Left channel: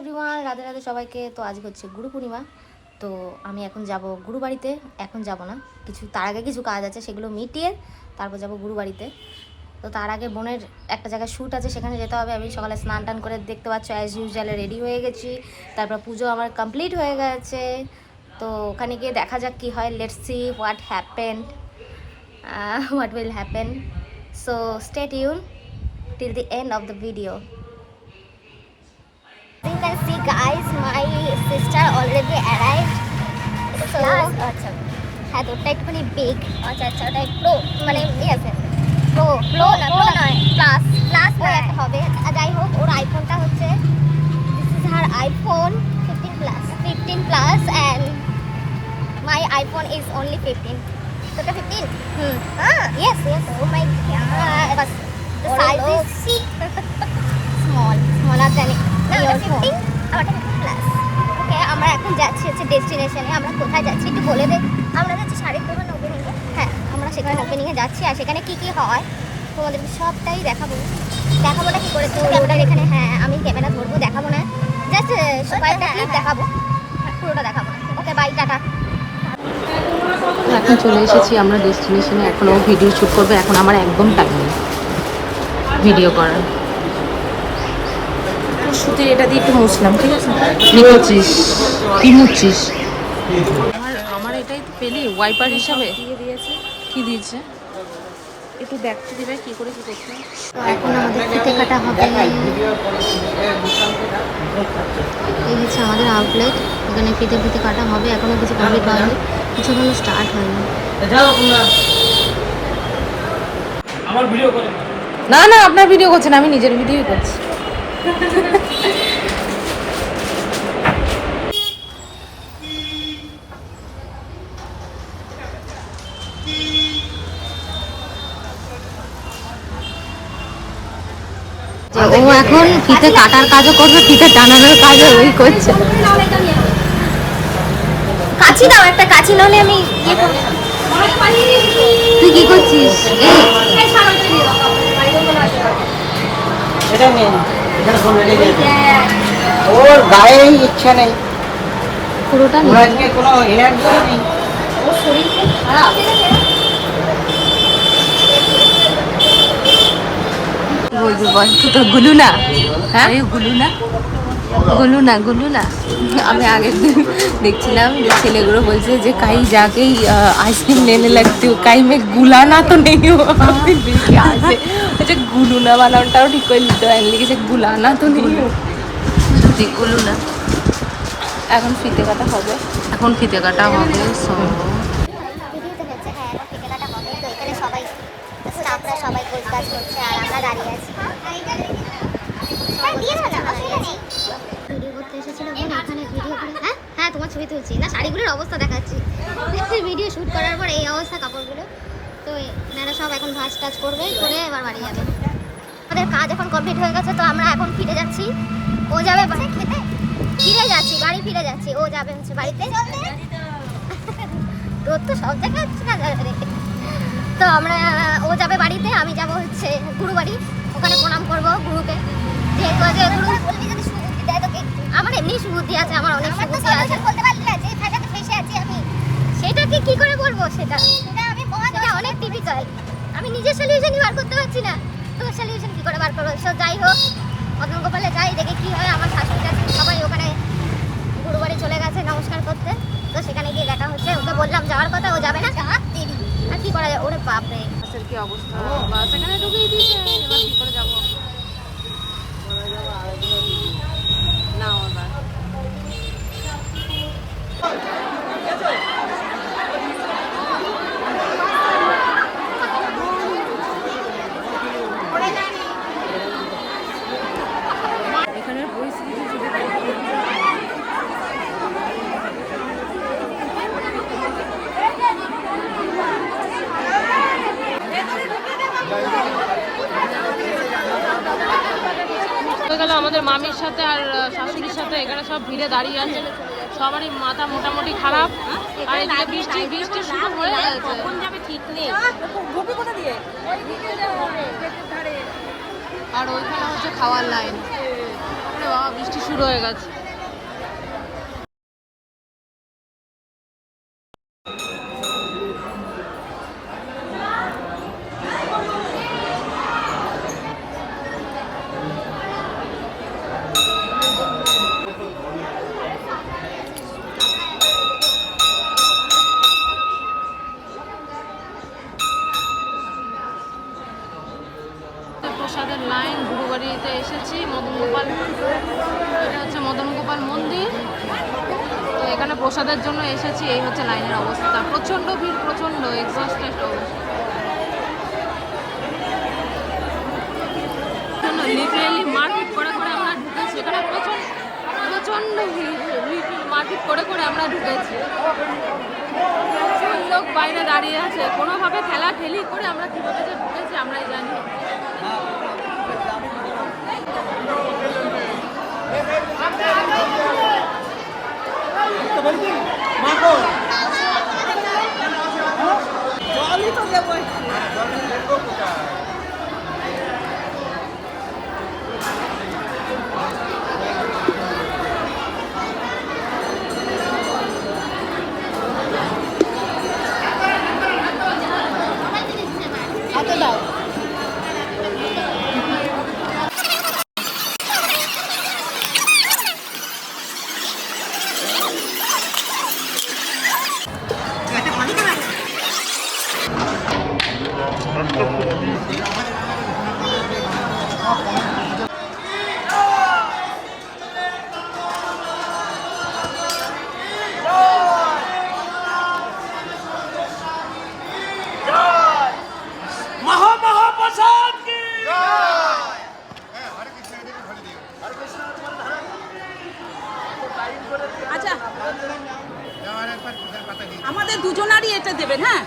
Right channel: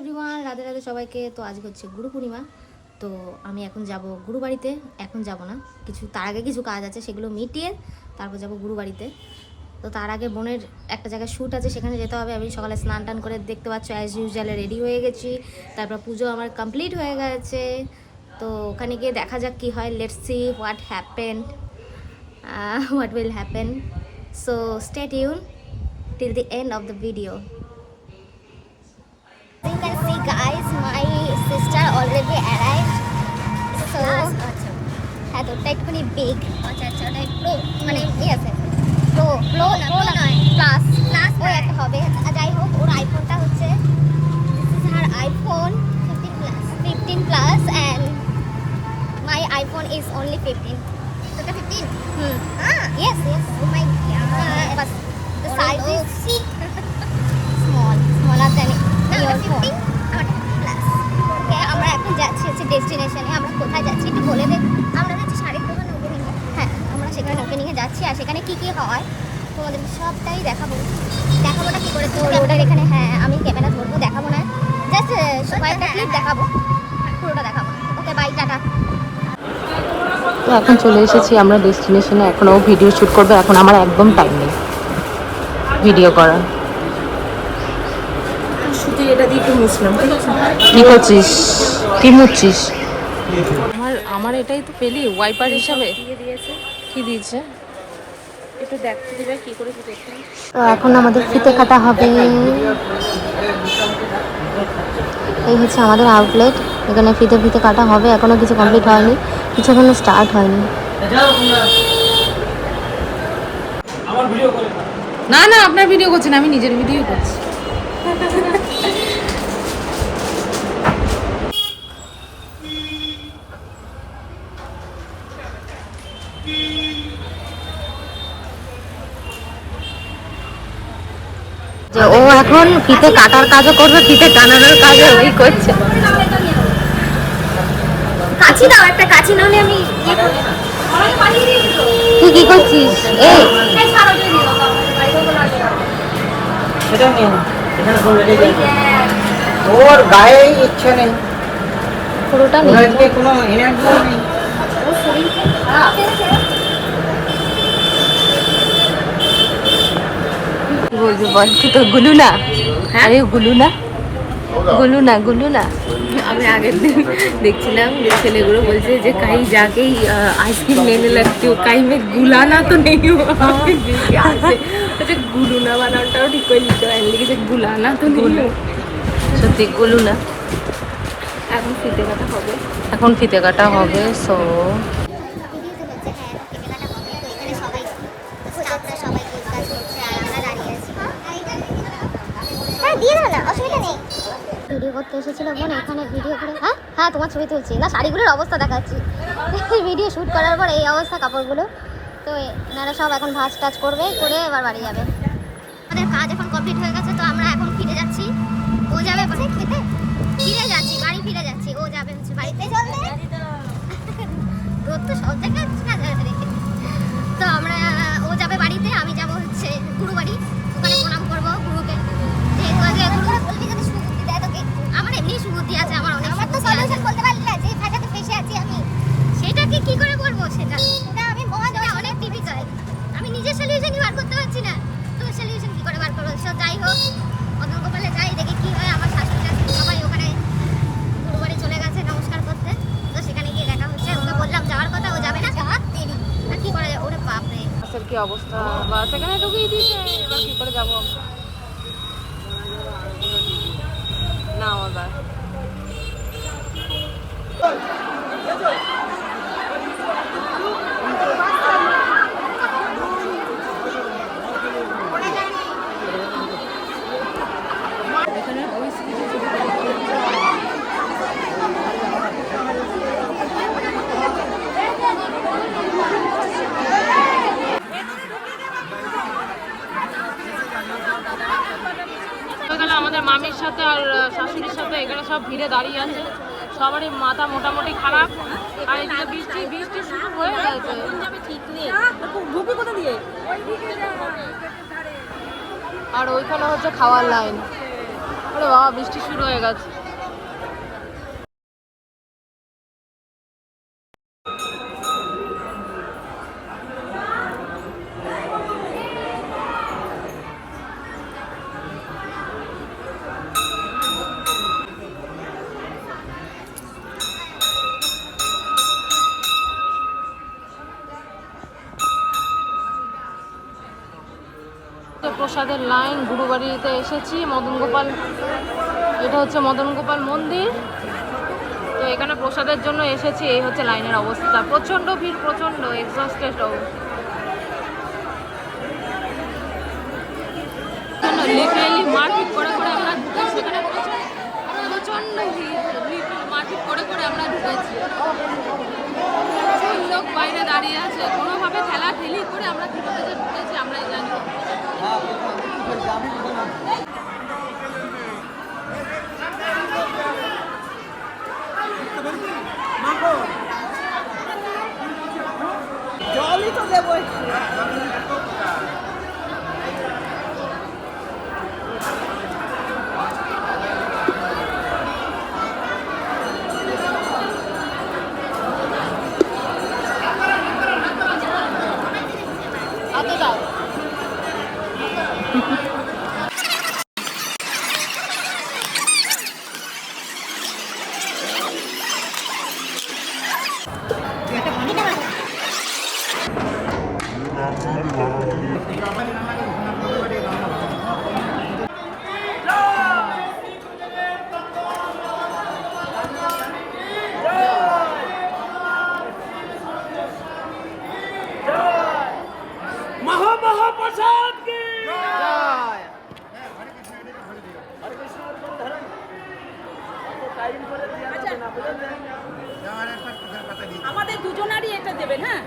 Everyone, Radhe Radhe সবাইকে। তো আজকে হচ্ছে গুরু পূর্ণিমা। তো আমি এখন যাব গুরু বাড়িতে। এখন যাব না, তার আগে কিছু কাজ আছে, সেগুলো মিটিয়ে তারপর যাব গুরু বাড়িতে। তো তার আগে বোনের একটা জায়গায় শ্যুট আছে, সেখানে যেতে হবে। আমি সকালে স্নান টান করে দেখতে পাচ্ছ অ্যাজ ইউজুয়াল রেডি হয়ে গেছি। তারপর পুজো আমার কমপ্লিট হয়ে গেছে। তো ওখানে গিয়ে দেখা যাক কী হয়। Let's see what will happen. So stay tune till the end of the video. You can see guys, my sister already arrived. So আচ্ছা হ্যাঁ, তো ওটা একটুখানি বিগ। আচ্ছা ওটা প্রো মানে আছে প্রো নয় প্লাস ও একটা হবে। যাই হোক, ওর আইফোনটা হচ্ছে this is her iPhone 15 plus and my iPhone is only 15. তো এটা 15 হ্যাঁ ইয়েস ও মাই গড, বাস the size is smaller than your phone. Okay, আমরা এখন যাচ্ছি হচ্ছে ডেস্টিনেশনে। আমরা কোথায় যাচ্ছি একটু বলে দে। আমরা যাচ্ছি শাড়ির দোকান ওপেনিং। হ্যাঁ, আমরা সেখানে ওপেনিংয়ে যাচ্ছি, আর সেখানে কী কী হয় তোমাদের সবটাই দেখাবোটা কী করে তো ক্যামেরা যেখানে। হ্যাঁ, আমি ক্যামেরা ধরবো, দেখাবো না, জাস্ট কয়েকটা ক্লিপ দেখাবো, পুরোটা দেখাবো না। ওকে, বাই, টাটা। এখন চলে এসেছি আমরা ডেস্টিনেশনে। এখনও ভিডিও শ্যুট করবো। এখন আমার একদম টাইম নেই ভিডিও করার। শুধু এটা দিয়ে একটু মুছলাম, ঠিক আছে? কি মুছছিস? আমার এটাই তো পেলি ওয়াইপার হিসাবে। কি দিয়েছে একটু দেখতে দিবে কি করে কি করছে। তো এখন আমাদের ফিতে কাটা হবে। এই হচ্ছে আমাদের আউটলেট, এখানে ফিতে কাটা হবে। এখনো কিছু কমপ্লিট হয়নি, কিছু এখনো স্টার্ট হয়নি। না আপনার ভিডিও করছেন, আমি নিজের ভিডিওই করছি। ও এখন ফিতে কাটার কাজও করবে, ফিতে টানানোর কাজও ওই করছে। কাছি দাও, একটা কাছি নাহলে আমি ইয়ে করব। তুই কি করছিস? ওর গায়ে ইচ্ছে নেই, পুরোটা কোনো এনার্জি নেই। বলবি বল, তো গুলু না? হ্যাঁ, গুলু না। আমি আগের দিন দেখছিলাম যে ছেলেগুলো বলছে যে কাই যাকেই আইসক্রিম লেনে লাগতে কাই মে গুলানা তো নেই। গুলু না বানানটাও ঠিক করে নিতে হয়, লিখেছে গুলানা তো নেই। সত্যি গুলু না। এখন ফিতে কাটা হবে। সো সবাই কাজ করছে আর আমরা দাঁড়িয়ে আছি। ভিডিও করতে এসেছিল বোন, এখানে ভিডিও করে। হ্যাঁ তোমার ছবি তুলছি না, শাড়িগুলোর অবস্থা দেখাচ্ছি। ভিডিও শ্যুট করার পর এই অবস্থা কাপড়গুলো। তো এনারা সব এখন ভাঁজ টাজ করে এবার বাড়ি যাবে। আমাদের কাজ এখন কমপ্লিট হয়ে গেছে, তো আমরা এখন ফিরে যাচ্ছি। ও যাবে বাড়ি ফিরে যাচ্ছি। ও যাবে হচ্ছে বাড়িতে। তোর তো সব জায়গায় তো ও যাবে বাড়িতে, আমি যাব হচ্ছে গুরু বাড়ি। ওখানে প্রণাম করবো গুরুকে, যেহেতু আজ গুরু। আমার এমনি সুবুদ্ধি আছে, আমার অনেক সুবুদ্ধি আছে। সেটাকে কি করে বলবো? সেটা অনেক টিপিক্যাল। আমি নিজের সলিউশনই বার করতে পারছি না, তোর সলিউশন কি করে বার করবো? সো যাই হোক, মদন গোপালে যাই, দেখে কি হয়। আমার শাশুড়ি শাশুড়ি সবাই ওখানে গুরু বাড়ি চলে গেছে নমস্কার করতে। তো সেখানে গিয়ে দেখা হচ্ছে। ওকে বললাম যাওয়ার কথা, ও যাবে না। আর কি করা যায়? ওরে বাপরে, বাসের কি অবস্থা! বাস এখানে ঢুকিয়ে দিয়েছে, এবার কি করে যাবো না আবার। এখানে পরিস্থিতি গেল আমাদের মামির সাথে আর শাশুড়ির সাথে। এখানে সব ভিড়ে দাঁড়িয়ে আছে, সবারই মাথা মোটামুটি খারাপ। আর এদিকে বৃষ্টি শুরু হয়ে গেছে, ঠিক নেই। আর ওইখানে হচ্ছে খাওয়ার লাইন। আরে বাবা, বৃষ্টি শুরু হয়ে গেছে। প্রসাদের লাইন, গুরুবাড়িতে এসেছি, মদন গোপাল, এটা হচ্ছে মদন গোপাল মন্দির। তো এখানে প্রসাদের জন্য এসেছি, এই হচ্ছে লাইনের অবস্থা, প্রচন্ড ভিড়, প্রচন্ড এক্সস্টেড অবস্থা। লিটারেলি মারপিট করে করে আমরা ঢুকেছি এখানে, প্রচন্ড ভিড়, মারপিট করে করে আমরা ঢুকেছি। লোক বাইরে দাঁড়িয়ে আছে, কোনোভাবে ঠেলা ঠেলি করে আমরা কিভাবে যে ঢুকেছি আমরাই জানি। জলই তো দেবো। আমাদের দুজনারই এটা দেবেন, হ্যাঁ?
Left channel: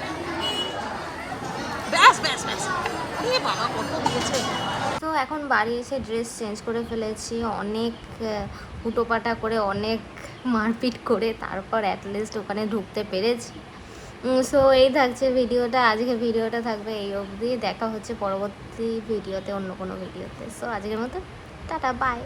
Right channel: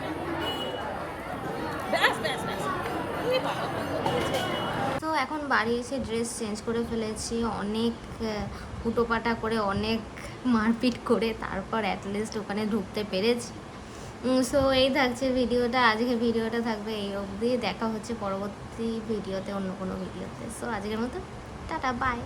ব্যাস ব্যাস ব্যাস, এ বাবা কত দিয়েছে। তো এখন বাড়ি এসে ড্রেস চেঞ্জ করে ফেলেছি, অনেক হুটোপাটা করে, অনেক মারপিট করে, তারপর অ্যাটলিস্ট ওখানে ঢুকতে পেরেছি। সো এই থাকছে ভিডিওটা, আজকে ভিডিওটা থাকবে এই অবধি। দেখা হচ্ছে পরবর্তী ভিডিওতে, অন্য কোনো ভিডিওতে। সো আজকের মতো টাটা, বাই।